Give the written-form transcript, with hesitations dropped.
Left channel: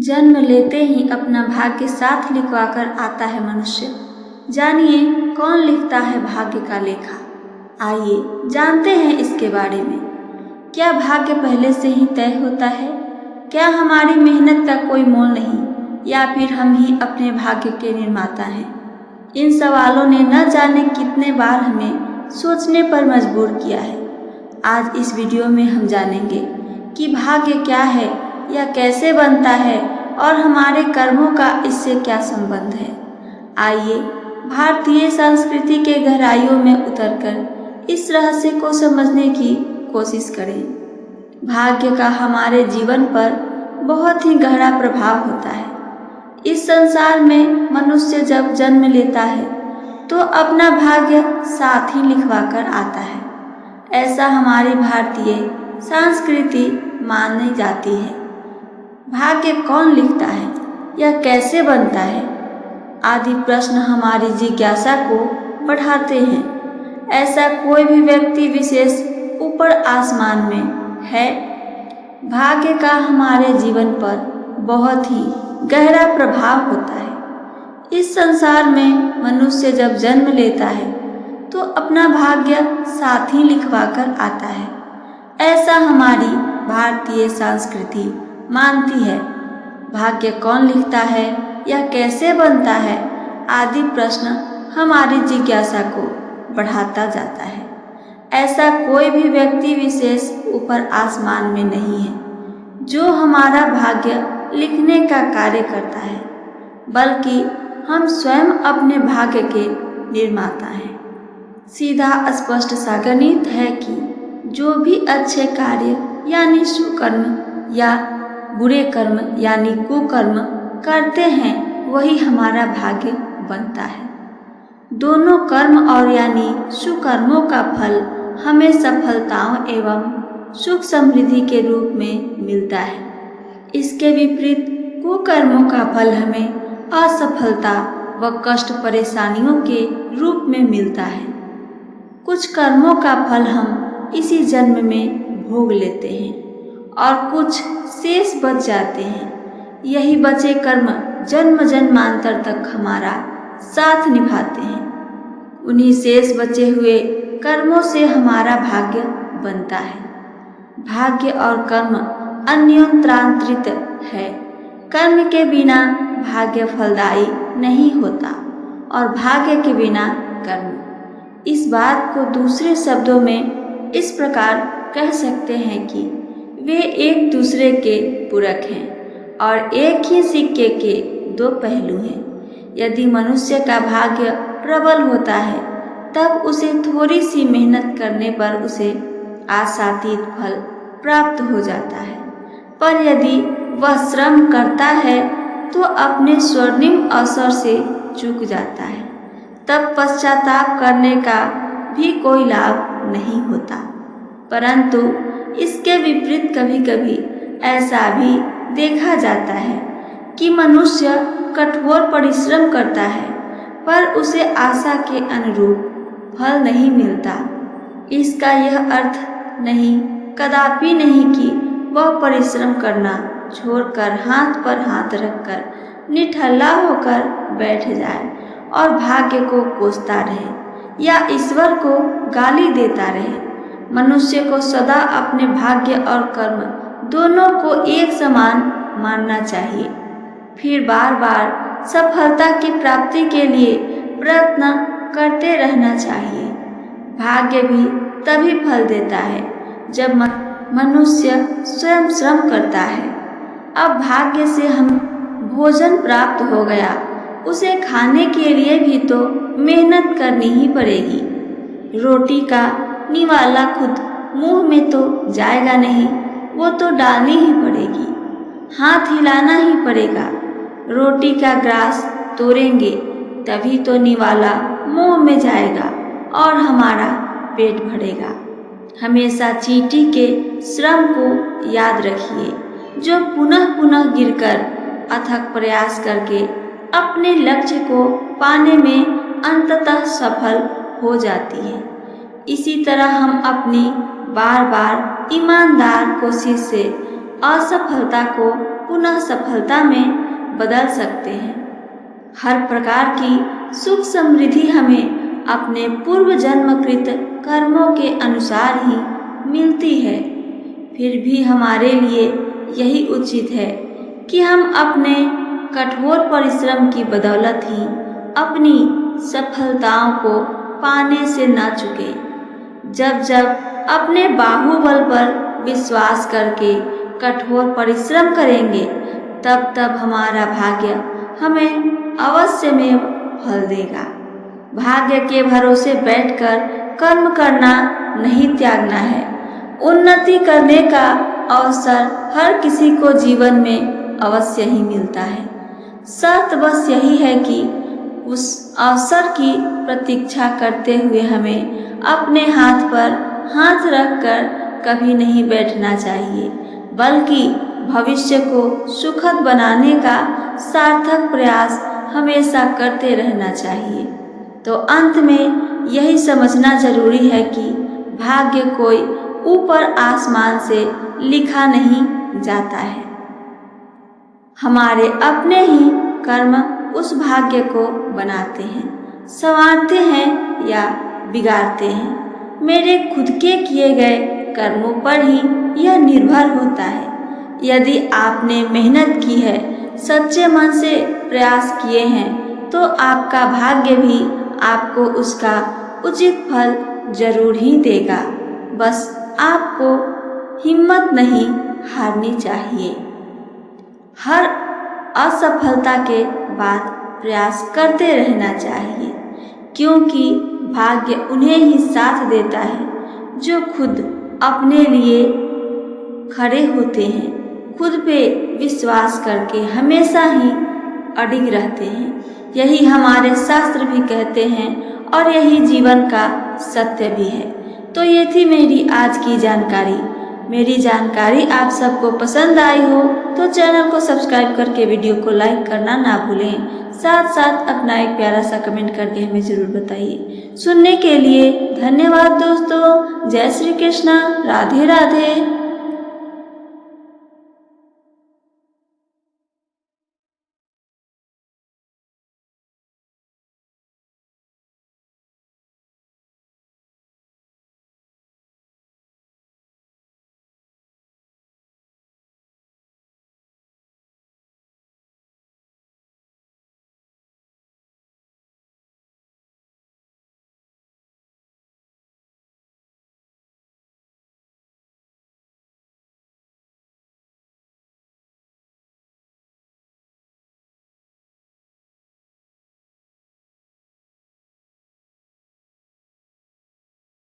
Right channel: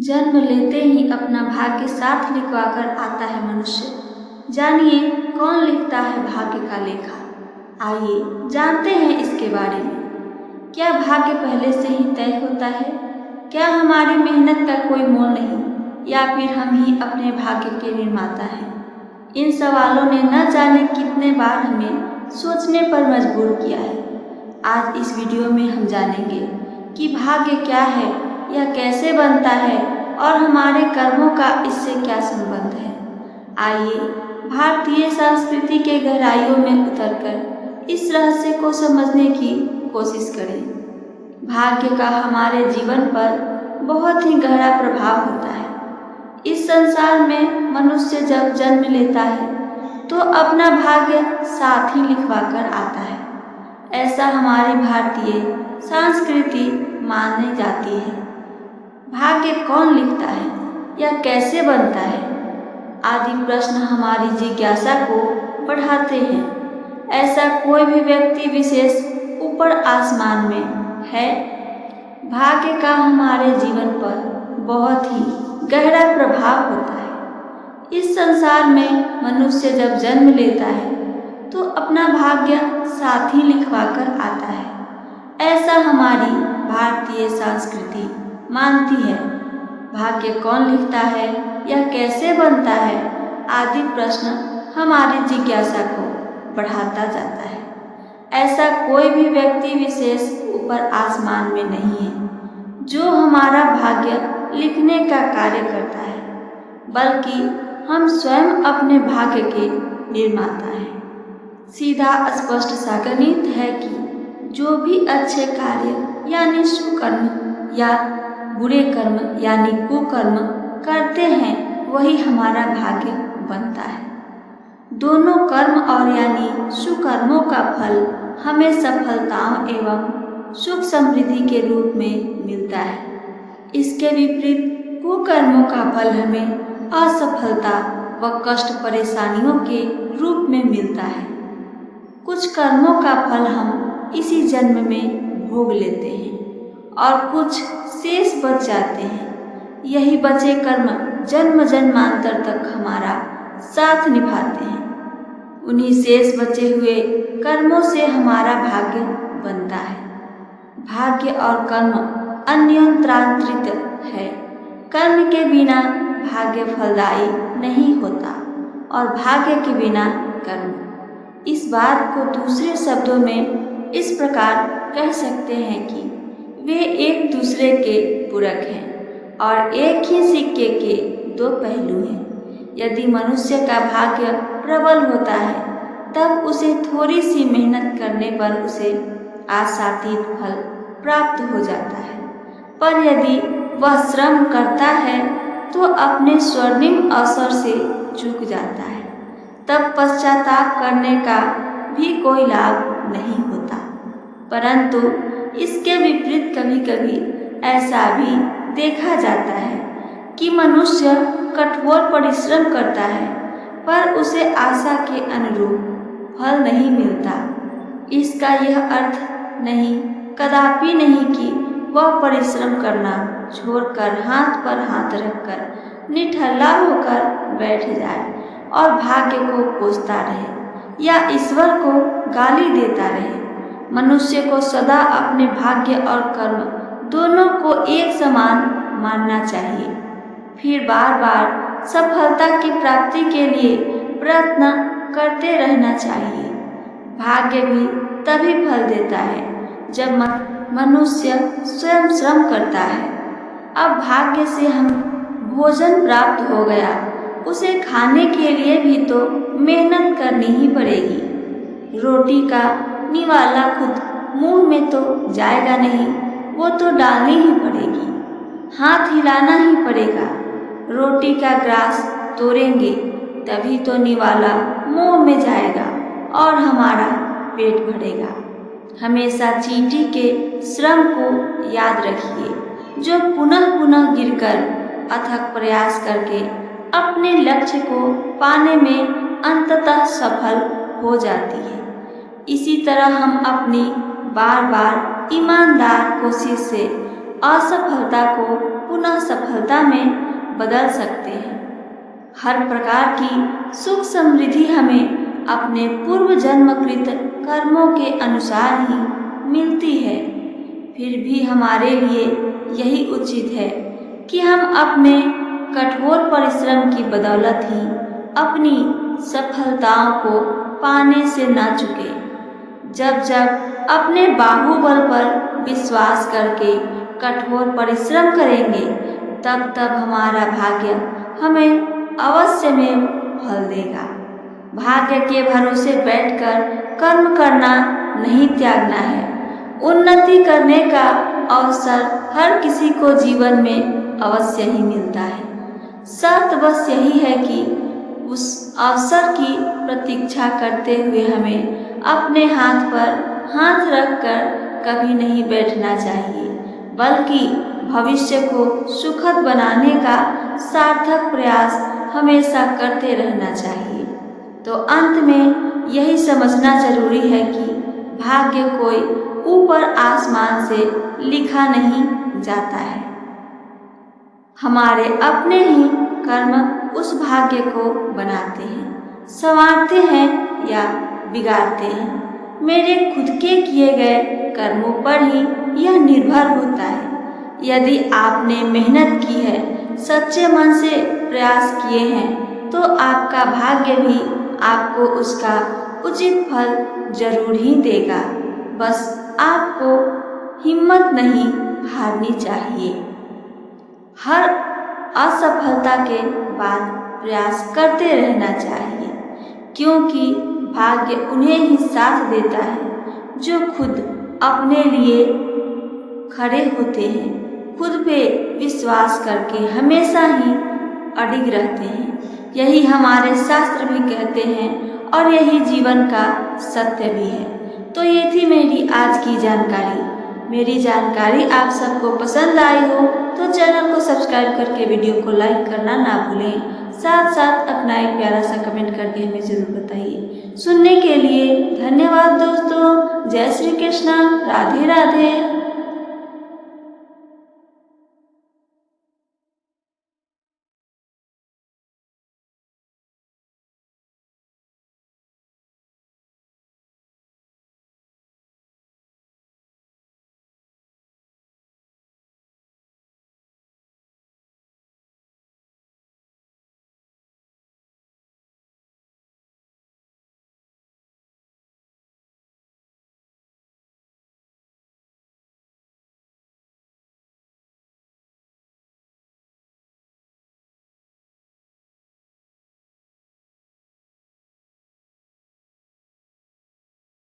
जन्म लेते ही अपना भाग्य साथ लिखवाकर आता है मनुष्य। जानिए कौन लिखता है भाग्य का लेखा। आइए जानते हैं इसके बारे में। क्या भाग्य पहले से ही तय होता है? क्या हमारी मेहनत का कोई मोल नहीं, या फिर हम ही अपने भाग्य के निर्माता हैं? इन सवालों ने न जाने कितने बार हमें सोचने पर मजबूर किया है। आज इस वीडियो में हम जानेंगे कि भाग्य क्या है, यह कैसे बनता है और हमारे कर्मों का इससे क्या संबंध है। आइए भारतीय संस्कृति के गहराइयों में उतरकर इस रहस्य को समझने की कोशिश करें। भाग्य का हमारे जीवन पर बहुत ही गहरा प्रभाव होता है। इस संसार में मनुष्य जब जन्म लेता है तो अपना भाग्य साथ ही लिखवा कर आता है। ऐसा हमारी भारतीय संस्कृति मानी जाती है। भाग्य कौन लिखता है, यह कैसे बनता है, आदि प्रश्न हमारी जिज्ञासा को बढ़ाते हैं। ऐसा कोई भी व्यक्ति विशेष ऊपर आसमान में है? भाग्य का हमारे जीवन पर बहुत ही गहरा प्रभाव होता है। इस संसार में मनुष्य जब जन्म लेता है तो अपना भाग्य साथ ही लिखवा कर आता है। ऐसा हमारी भारतीय संस्कृति मानती है। भाग्य कौन लिखता है, यह कैसे बनता है, आदि प्रश्न हमारी जिज्ञासा को बढ़ाता जाता है। ऐसा कोई भी व्यक्ति विशेष ऊपर आसमान में नहीं है जो हमारा भाग्य लिखने का कार्य करता है, बल्कि हम स्वयं अपने भाग्य के निर्माता हैं। सीधा स्पष्ट सा गणित है कि जो भी अच्छे कार्य यानी सुकर्म या बुरे कर्म यानी कुकर्म करते हैं वही हमारा भाग्य बनता है। दोनों कर्म और यानी सुकर्मों का फल हमें सफलताओं एवं सुख समृद्धि के रूप में मिलता है। इसके विपरीत कुकर्मों का फल हमें असफलता व कष्ट परेशानियों के रूप में मिलता है। कुछ कर्मों का फल हम इसी जन्म में भोग लेते हैं और कुछ शेष बच जाते हैं। यही बचे कर्म जन्म जन्मांतर तक हमारा साथ निभाते हैं। उन्हीं शेष बचे हुए कर्मों से हमारा भाग्य बनता है। भाग्य और कर्म अन्योन्याश्रित है। कर्म के बिना भाग्य फलदायी नहीं होता और भाग्य के बिना कर्म। इस बात को दूसरे शब्दों में इस प्रकार कह सकते हैं कि वे एक दूसरे के पूरक हैं और एक ही सिक्के के दो पहलू हैं। यदि मनुष्य का भाग्य प्रबल होता है तब उसे थोड़ी सी मेहनत करने पर उसे आशातीत फल प्राप्त हो जाता है, पर यदि वह श्रम करता है तो अपने स्वर्णिम अवसर से चूक जाता है। तब पश्चाताप करने का भी कोई लाभ नहीं होता। परंतु इसके विपरीत कभी कभी ऐसा भी देखा जाता है कि मनुष्य कठोर परिश्रम करता है पर उसे आशा के अनुरूप फल नहीं मिलता। इसका यह अर्थ नहीं, कदापि नहीं कि वह परिश्रम करना छोड़कर हाथ पर हाथ रखकर निठल्ला होकर बैठ जाए और भाग्य को कोसता रहे या ईश्वर को गाली देता रहे। मनुष्य को सदा अपने भाग्य और कर्म दोनों को एक समान मानना चाहिए, फिर बार बार सफलता की प्राप्ति के लिए प्रयत्न करते रहना चाहिए। भाग्य भी तभी फल देता है जब मनुष्य स्वयं श्रम करता है। अब भाग्य से हम भोजन प्राप्त हो गया, उसे खाने के लिए भी तो मेहनत करनी ही पड़ेगी। रोटी का निवाला खुद मुंह में तो जाएगा नहीं, वो तो डालनी ही पड़ेगी, हाथ हिलाना ही पड़ेगा। रोटी का ग्रास तोड़ेंगे तभी तो निवाला मुंह में जाएगा और हमारा पेट भरेगा। हमेशा चींटी के श्रम को याद रखिए, जो पुनः पुनः गिरकर अथक प्रयास करके अपने लक्ष्य को पाने में अंततः सफल हो जाती है। इसी तरह हम अपनी बार बार ईमानदार कोशिश से असफलता को पुनः सफलता में बदल सकते हैं। हर प्रकार की सुख समृद्धि हमें अपने पूर्व जन्मकृत कर्मों के अनुसार ही मिलती है। फिर भी हमारे लिए यही उचित है कि हम अपने कठोर परिश्रम की बदौलत ही अपनी सफलताओं को पाने से ना चूके। जब जब अपने बाहुबल पर विश्वास करके कठोर परिश्रम करेंगे, तब तब हमारा भाग्य हमें अवश्य में फल देगा। भाग्य के भरोसे बैठकर कर्म करना नहीं त्यागना है। उन्नति करने का अवसर हर किसी को जीवन में अवश्य ही मिलता है। शर्त बस यही है कि उस अवसर की प्रतीक्षा करते हुए हमें अपने हाथ पर हाथ रखकर कभी नहीं बैठना चाहिए, बल्कि भविष्य को सुखद बनाने का सार्थक प्रयास हमेशा करते रहना चाहिए। तो अंत में यही समझना जरूरी है कि भाग्य कोई ऊपर आसमान से लिखा नहीं जाता है। हमारे अपने ही कर्म उस भाग्य को बनाते हैं, संवारते हैं या बिगाड़ते हैं। मेरे खुद के किए गए कर्मों पर ही यह निर्भर होता है। यदि आपने मेहनत की है, सच्चे मन से प्रयास किए हैं, तो आपका भाग्य भी आपको उसका उचित फल जरूर ही देगा। बस आपको हिम्मत नहीं हारनी चाहिए। हर असफलता के बाद प्रयास करते रहना चाहिए, क्योंकि भाग्य उन्हें ही साथ देता है जो खुद अपने लिए खड़े होते हैं, खुद पे विश्वास करके हमेशा ही अडिग रहते हैं। यही हमारे शास्त्र भी कहते हैं और यही जीवन का सत्य भी है। तो ये थी मेरी आज की जानकारी। मेरी जानकारी आप सबको पसंद आई हो तो चैनल को सब्सक्राइब करके वीडियो को लाइक करना ना भूलें। साथ साथ अपना एक प्यारा सा कमेंट करके हमें ज़रूर बताइए। सुनने के लिए धन्यवाद दोस्तों। जय श्री कृष्णा। राधे राधे।